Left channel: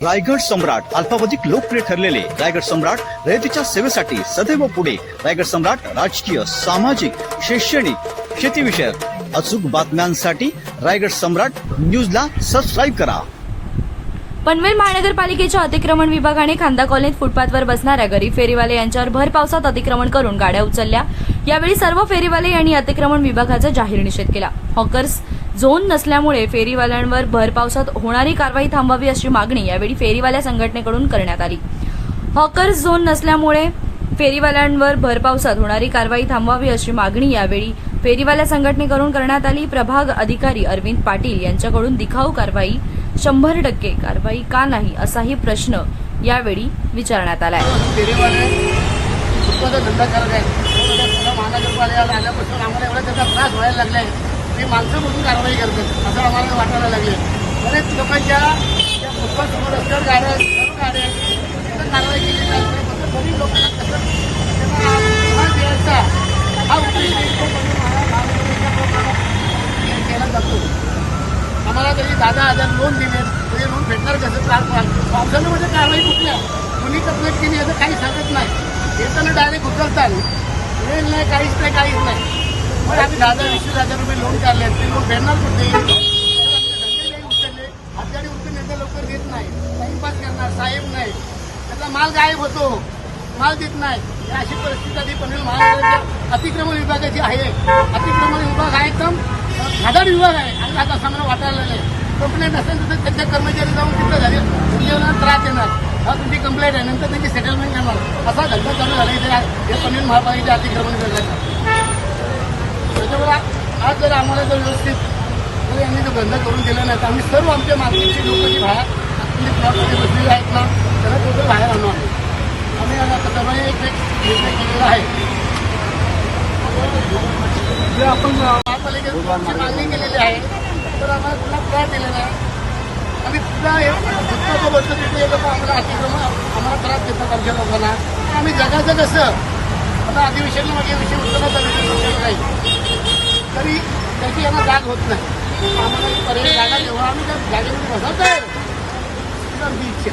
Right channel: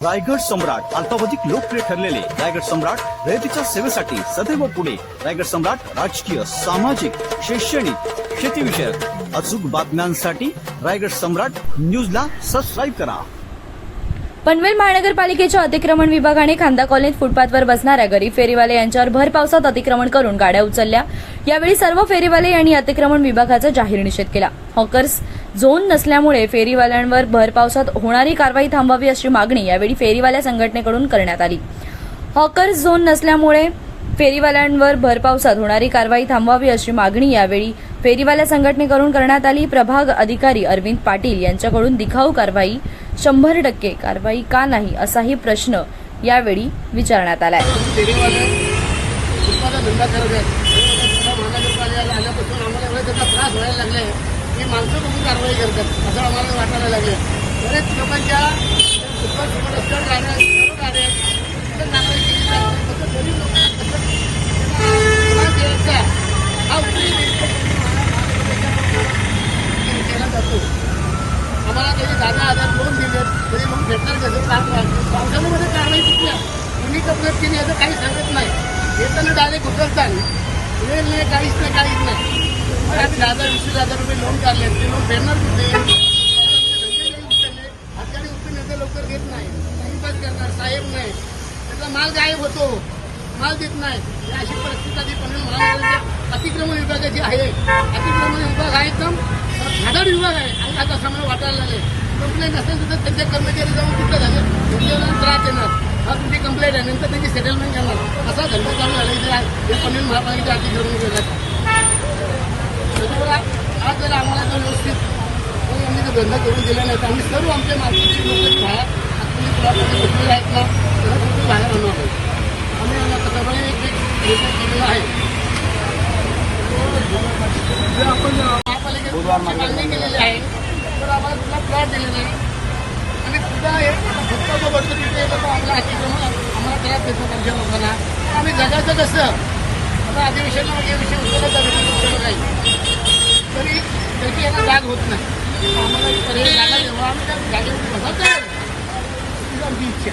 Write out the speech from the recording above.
रायगड सम्राट अल्पावधिक लोकप्रिय ठरलेले रायगड सम्राट रयतीच्या सेवेसाठी सदैव पुढे. रायगड सम्राट राजकीय सामाजिक शैक्षणिक शेतीविषयक अचूक बातम्यांसाठी रायगड सम्राट न्यूजला सबस्क्राईब करा. पनवेल महानगरपालिकेच्या अतिक्रमण विभागाने खांदा कॉलनीत फुटपाथवर बसणाऱ्या गरीब फेरीवाले यांच्यावर भर पावसात अतिक्रमण करून गाड्या उचलल्या. यावेळी सर्व फेरीवाले यांनी अतिक्रमण विभागाचा जाहीर निषेध केला. हॉकर्स झोन नसल्यामुळे फेरीवाल्यांवर भरपावसात होणारी कारवाई थांबवावी अशी मागणी यावेळी फेरीवाल्या संघटनेकडून करण्यात आली. हॉकर्स झोन नसल्यामुळे फेरीवाल्यांवर भरपावसात होणारी कारवाई थांबवावी अशी मागणी यावेळी फेरीवाल्या संघटनेकडून करण्यात आली. प्रभाग अधिकारी अरविंद पाटील यांच्याकडून दिखाऊ कारवाई शंभर टक्के कारवाई का नाही असाही प्रश्न यावेळी विचारण्यात आलाय. धंदा करत आहे महानगरपालिकेला आल्यापासून आम्हाला एवढा त्याचा त्रास व्हायला लागलाय. ही माणसं म्हणून कारवाई करतात. असं आम्हाला वाटायला लागलं. बरेच लोकांच्या फुटबॉल समोर रस्त्यावर सर्व कारवाई केली फक्त गरीब लोकांना हा उद्देश केला जातो. आम्हाला त्यांनी दादा हजार लोन दिले म्हणजे लोन भेटणार कसं त्रास पावसाळ्यामध्ये कारवाई कुठल्या? कोणी कंप्लेंट केली असं काही सांगत नाही. येताना डायरेक्ट उतरतात नाही काहीच नाही काहीच नाही. मग आम्ही दहा हजार वीस हजार रुपये लोन बॅनर कुठे? आजकाल उठून नेते लवकर येत नाही. टाइमपास करणार साहेब नाही. त्याचा माल गायब होतो. माल देत नाही. अशी परिस्थिती आधी पनवेल महानगराच्या अतिक्रमण विभागाची आहे. अतिक्रमण विभाग आहे एकदम घादाड विभाग आहे. आणि आता समोर वाटायला नाही कंप्लेंट असेल तर त्यांच्या कर्मचारी जाऊन तिथं घरी धंद्याला त्रास देणार. हा तुमची कंप्लेंट आहे. नंतर त्यांची सेटलमेंट करणार. असा धंदा चालू झाला हे पनवेल महापालिकेच्या अतिक्रमण विभागात त्याच्यामुळे म्हणजे आज जर आम्हाला जर व्यवस्थित यांनी जर धंदा करून दिला नाही तर आम्ही सर्व आमच्या मार्केटचे लोक जे बाहेर म्हणजे प्लॉटमध्ये बसलेले आहेत ना त्यांना कुठे बाहेर आणणार? नाही आम्ही आता त्याप्रमाणे एक एक निर्णय केलेला आहे. जे आपण महापालिकेने मागणी केलेली आहे तर आम्हाला पुन्हा प्लॉट दिलेला आहे आणि हे बसलं तिथे आम्हाला अतिक्रमण आम्हाला त्रास देतात आमच्या लोकांना. आम्ही जगायचं कसं? आता अधिवेशन म्हणजे विषय उचलत नाही. तरी त्याची यांना जाग होत नाही. आम्हाला पर्याय जागा जेव्हा आम्ही त्या जागेवर बसत आहे ही इच्छा.